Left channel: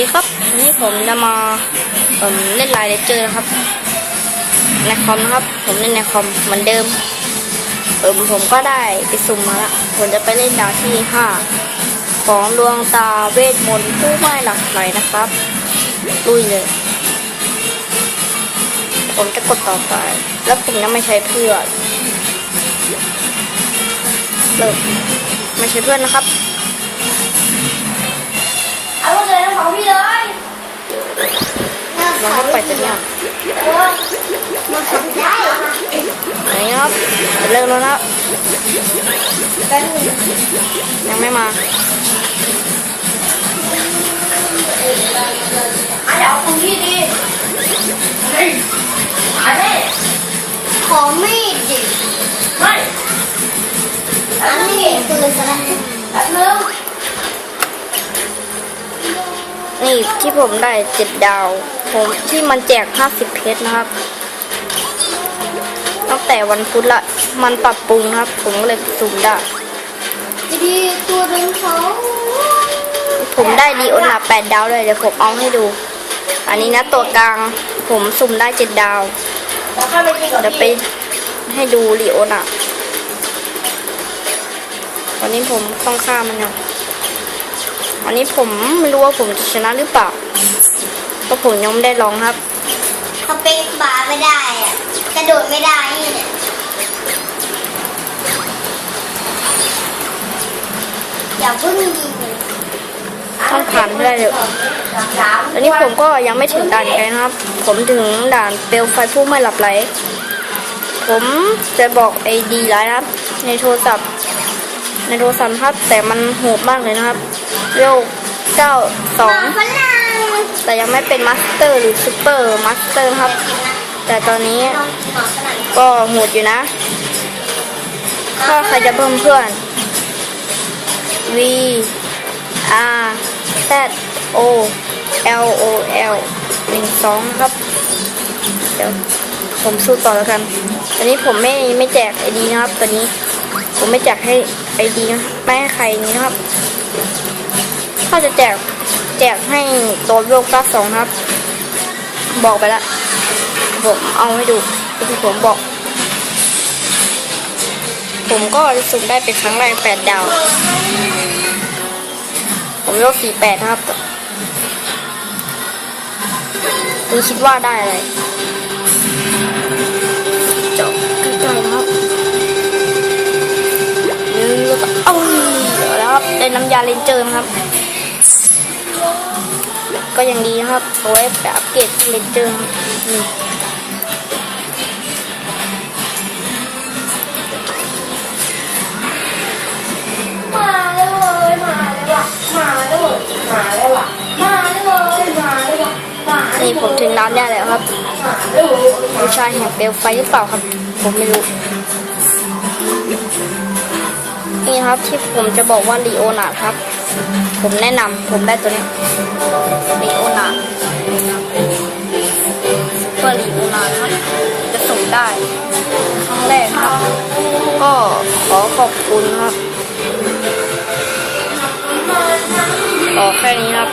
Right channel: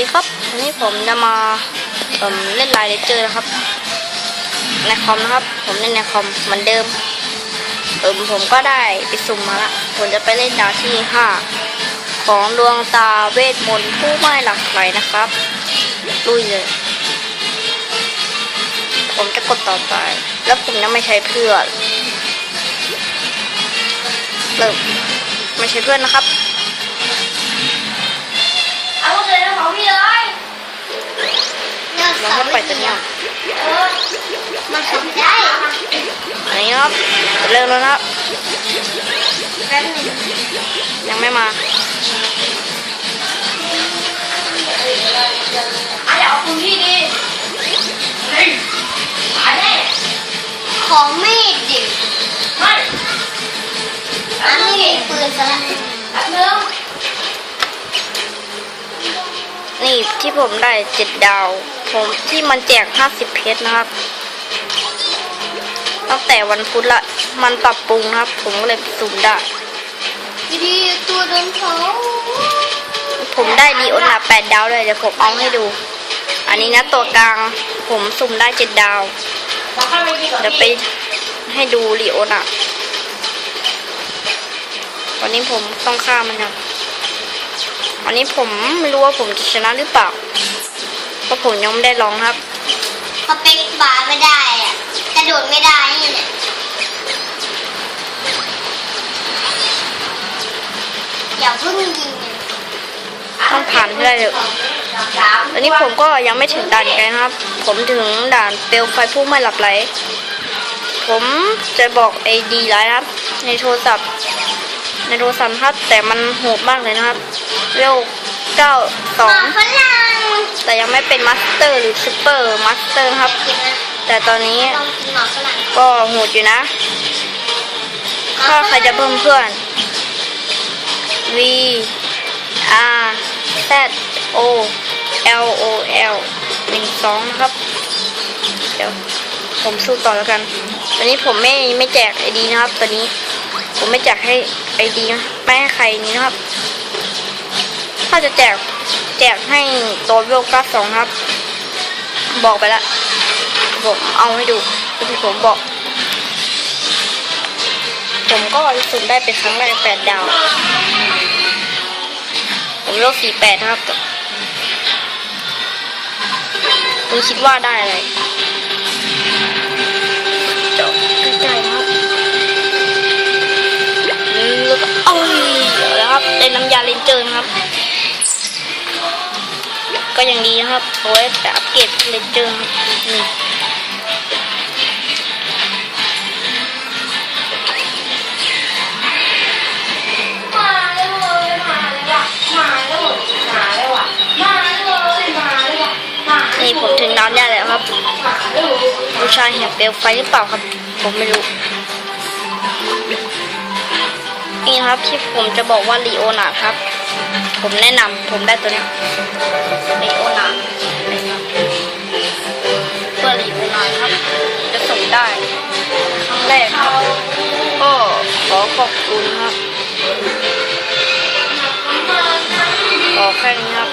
ดีครับวันนี้ผมจะมาผมเล่นไลน์เลเจอร์ครับในคอมครับผมเล่นในคอมเหมือนเดิมเออผมก็ได้ไปสุ่มมาละผมจะไปเล่นดาวที่ห้าของดวงตาเวทมนต์ผู้ไม่หลักไหลนะครับดุยเลยผมจะกดต่อไป แล้วผมยังไม่ใช้เพื่อนเริ่มไม่ใช้เพื่อนนะครับ มันขับได้ไหนครับเริ่มแล้วนะครับแป๊บหนึงยังไม่มาอะเดี๋ยวเอาคุณพี่ดิเฮ้ยหายแน่ของไม่ดิไม่อันนี้ปืนซะแล้วแป๊บนึงนี่ที่ผมได้เจ็ดดาว ผมที่มันแจก 50 เพชรนะครับ ตั้งแต่วันพุธละ มันปรับปรุงนะครับผมก็เลยสุ่มได้วิธีตัวโดนเขาผมได้ดีโอนาแปดดาวเลยเดี๋ยวผมเอาให้ดู อันนี้นะตัวกลางผมสุ่มได้เจ็ดดาวแล้วค่อยไปกินกับเดี๋ยวไปพี่ให้ดูลีโอนาตอนนี้ผมต้องข้ามนะอันนี้ผมไม่รู้ว่าผมจะชนะหรือเปล่า ก็ผมยังไม่ได้ลองครับเขาเป๊กบาร์ไม่ได้อะกระโดดไม่ได้นี่เนี่ยอย่าเพิ่งยิงมันต้องถามเพื่อนเลยสามอันนี้ผมก็ยังไม่ถึงด่านกันนะครับ ผมถึงด่านเปลวไฟผู้ไม่หลับไหล ผมจะบอกไอดีแล้วนะครับ ในโทรศัพท์ ในโทรศัพท์ครับแต่มันโหดมากเลยนะครับเร็วเก้าสอหมางฝรั่งแต่ยัง ไม่เป็นมาสเตอร์หรือซูเปอร์มาสเตอร์ครับ แต่ตอนนี้ก็โหดอยู่นะหมอถ้าฝใครจะเพิ่มเพื่อน V R Z O L O L หนึ่งสองครับเดี๋ยวผมสู้ต่อแล้วกันตอนนี้ผมไม่ไม่แจกไอดีนะครับตอนนี้ผมไม่แจกให้ไอดีไม่ให้ใครนะครับ ถ้าจะแจกแจกให้ โยกก้าสองครับบอกไปละผมเอาให้ดูที่ผมบอก ผมก็รู้สึกได้เป็นครั้งแรกแต่ดาว ผมโลกสี่แปดนะครับคุณคิดว่าได้อะไรจบใกล้ๆนะครับอืมแล้วก็เอ้ยแล้วครับได้น้ำยาเลนเจอร์นะครับ ก็ยังดีนะครับโอ้ยแต่อัปเกรดเลนเจอร์นี่มาเลยเว้ยมาเลยว่ะมาเลยเว้ยมาเลยว่ะมาเลยเว้ยมาเลยว่ะมาเลยนี่ผมถึงน้ำยาแล้วครับมาเลยเว้ยผู้ชายเห็นเปลวไฟหรือเปล่าครับ ผมไม่รู้นี่ครับที่ผมจะบอกว่าลีโอนาร์ดครับ ผมแนะนำผมได้ตัวนี้ ขอบคุณครับขอแค่นี้ครับ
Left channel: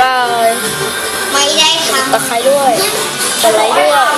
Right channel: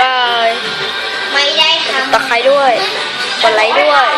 บ๊ายบายไม่ได้ทตะไคร้ด้วยกดไลค์ด้วย